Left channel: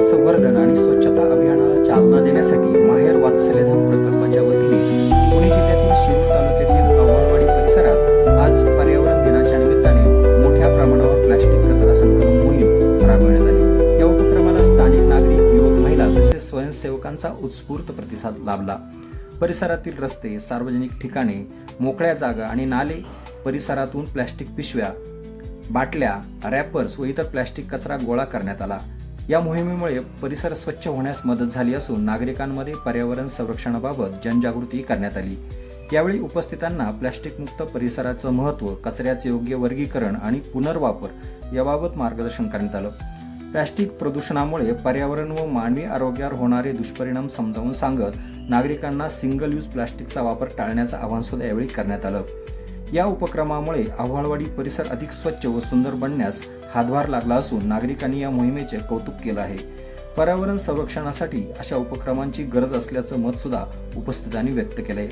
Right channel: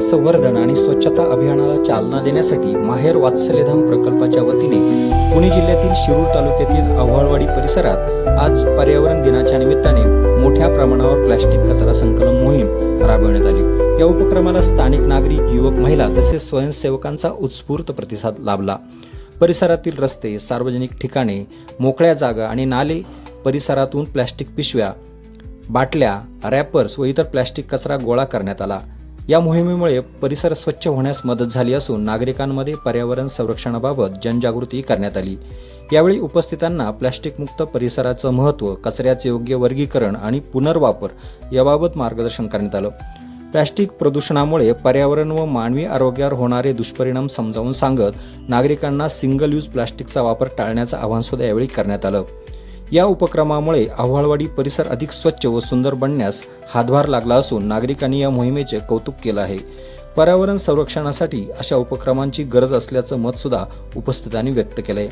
संवर्धन आणि स्वच्छता अभियानाला चालना देण्यासाठी माहेर वात्सल्यधाम प्रकल्पाच्या वतीने पुणे जिल्ह्यातील शिरूर तालुक्यातील आव्हाळवाडी परिसरात आज पर्यावरण दिनाच्या निमित्ताने मोठ्या प्रमाणावर प्लास्टिक कचरा संकलन मोहीम राबवण्यात आली। या उपक्रमाला स्थानिक नागरिक, युवक, महिला तसेच स्वयंसेवकांचा उत्स्फूर्त प्रतिसाद लाभला। परिसरातील रस्ते, सार्वजनिक ठिकाणे, मोकळ्या जागा आणि नाले परिसरातून प्लास्टिक पिशव्या, बाटल्या, रॅपर्स व इतर प्लास्टिक कचरा गोळा करण्यात आला। या मोहिमेमुळे परिसर स्वच्छ होण्यास मदत झाली असून नागरिकांमध्ये पर्यावरण संरक्षणाबाबत जनजागृती करण्यात आली। यावेळी उपस्थितांना प्लास्टिक मुक्त परिसराचं महत्त्व, कचऱ्याचे योग्य वर्गीकरण आणि पुनर्वापर याबाबत मार्गदर्शन करण्यात आलं। प्लास्टिक प्रदूषणामुळे पर्यावरण व मानवी आरोग्यावर होणारे दुष्परिणाम समजावून सांगत नागरिकांना सिंगल यूज प्लास्टिकचा वापर टाळण्याचं आवाहन सुद्धा यावेळी करण्यात आलं। या उपक्रमामुळे आव्हाळवाडी परिसर अधिक स्वच्छ व सुंदर बनण्यास हातभार लागला असून नागरिकांनी या मोहिमेचे कौतुक केलं आहे। पर्यावरण संरक्षणासाठी अशा उपक्रमांची गरज असल्याचं मत सुद्धा उपस्थितांनी व्यक्त केलंय।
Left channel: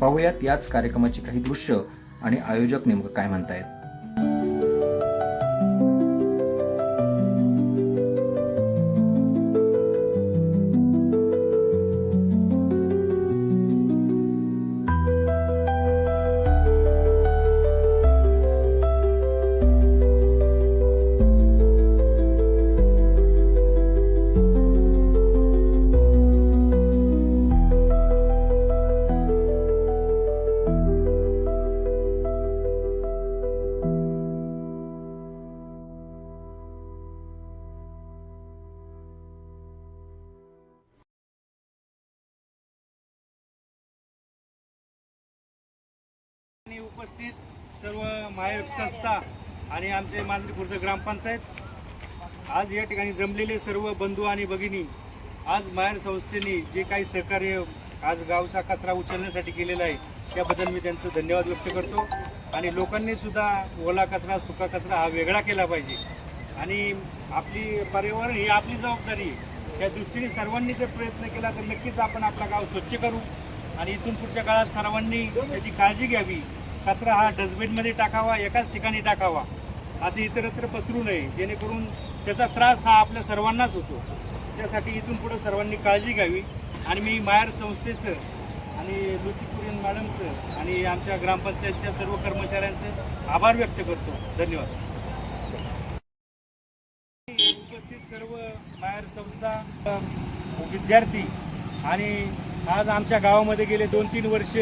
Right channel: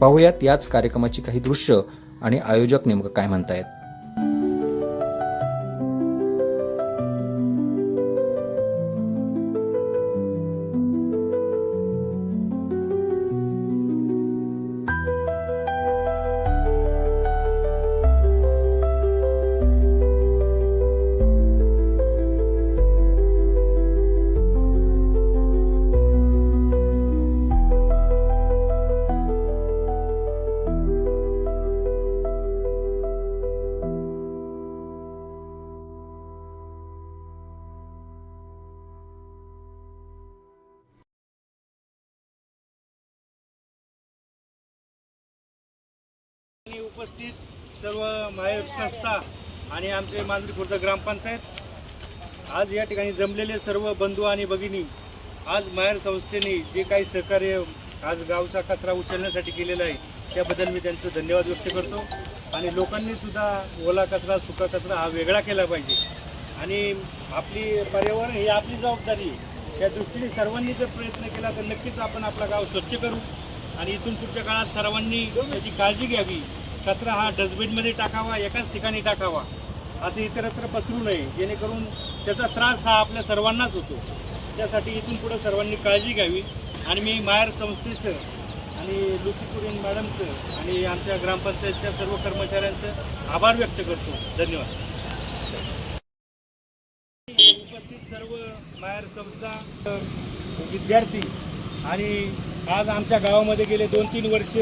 पाहूयात याच कार्यक्रमाची काही दृश्य आणि आयोजक नेमकं काय म्हणतायत। उपस्थित सर्व माहेर संस्था आणि आमचे मांजरी खुर्द ग्रामपंचायत, आज या ठिकाणी जमलेले सर्व बंधू आणि भगिनी, आज माहेर संस्थेने जे काही सहकार्य आज गावचा कचरा उचलण्यासाठी केलेलं आहे त्याबद्दल मी त्यांचं धन्यवाद व्यक्त करतो। आणि लोकांनी सुद्धा ओला कचरा, सुका कचरा हा वेगळा केला पाहिजे आणि आपली पर्यावरण ही आपली जबाबदारी आहे। या दृष्टीने सर्वांनी जर प्रयत्न केला तर नक्कीच आपण आपला गाव स्वच्छ करू आणि इथून पुढच्या काळात सर्वांनी याची काळजी घ्यावी। कचरा हा डस्टबिनमध्ये टाकावा, एकाच ठिकाणी टाकावा, असे इतरत्र पसरू नये, जेणेकरून त्याचा त्रास हा आपल्या सर्वांनाच होतो। त्यासाठी इथून पुढे सर्वांनी काळजी घ्यावी आणि मी माहेर संस्थेचं आणि लुसीपुरीन मॅडमचं आणि आमच्या ग्रामपंचायतच्या सर्व कर्मचाऱ्यांचं आभार व्यक्त करतो। धन्यवाद। उपस्थित सर्व माहेर संस्था, विद्यार्थी आणि आज आमच्या गावामध्ये गेले 2-3 वर्ष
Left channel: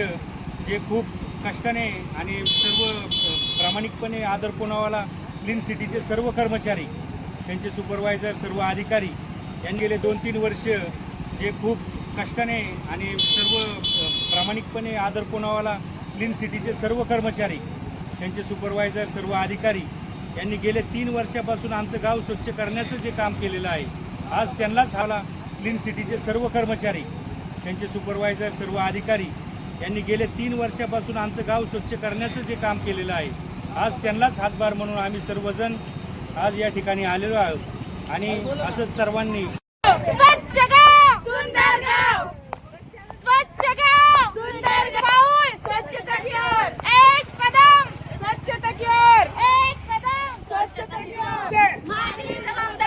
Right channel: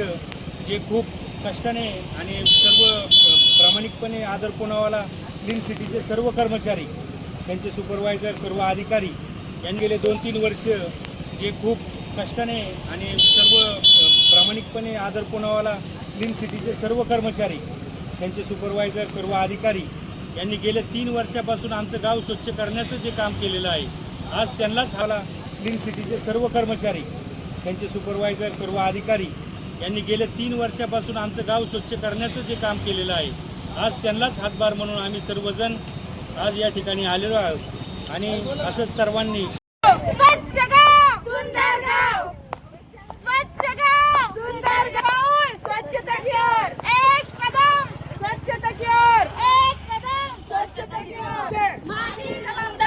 जे खूप कष्टाने आणि सर्व प्रामाणिकपणे आदर पुनावाला क्लीन सिटीचे सर्व कर्मचारी, त्यांचे सुपरवायझर, सर्व अधिकारी यांनी गेले 2-3 वर्ष जे खूप कष्टाने आणि सर्व प्रामाणिकपणे आदर पुनावाला क्लीन सिटीचे सर्व कर्मचारी, त्यांचे सुपरवायझर, सर्व अधिकारी यांनी गेले 3 वर्षापासून आमचं गाव स्वच्छ करण्याचं जे काम केलेलं आहे, आज त्यांनाच हाला क्लीन सिटीचे सर्व कर्मचारी, त्यांचे सुपरवायझर, सर्व अधिकारी यांनी गेले 3 वर्षापासून आमचं गाव स्वच्छ करण्याचं जे काम केलेलं आहे, आज त्यांनाच हातभार म्हणून आम्ही सर्वजण आज या ठिकाणी आलेलो आहोत। आणि असंच सर्वांनी स्वच्छ गाव सुंदर गाव, स्वच्छ गाव सुंदर गाव, स्वच्छता की ओर एक कदम, स्वच्छता की ओर एक कदम, स्वच्छता की ओर, मानवी जबाबदारी।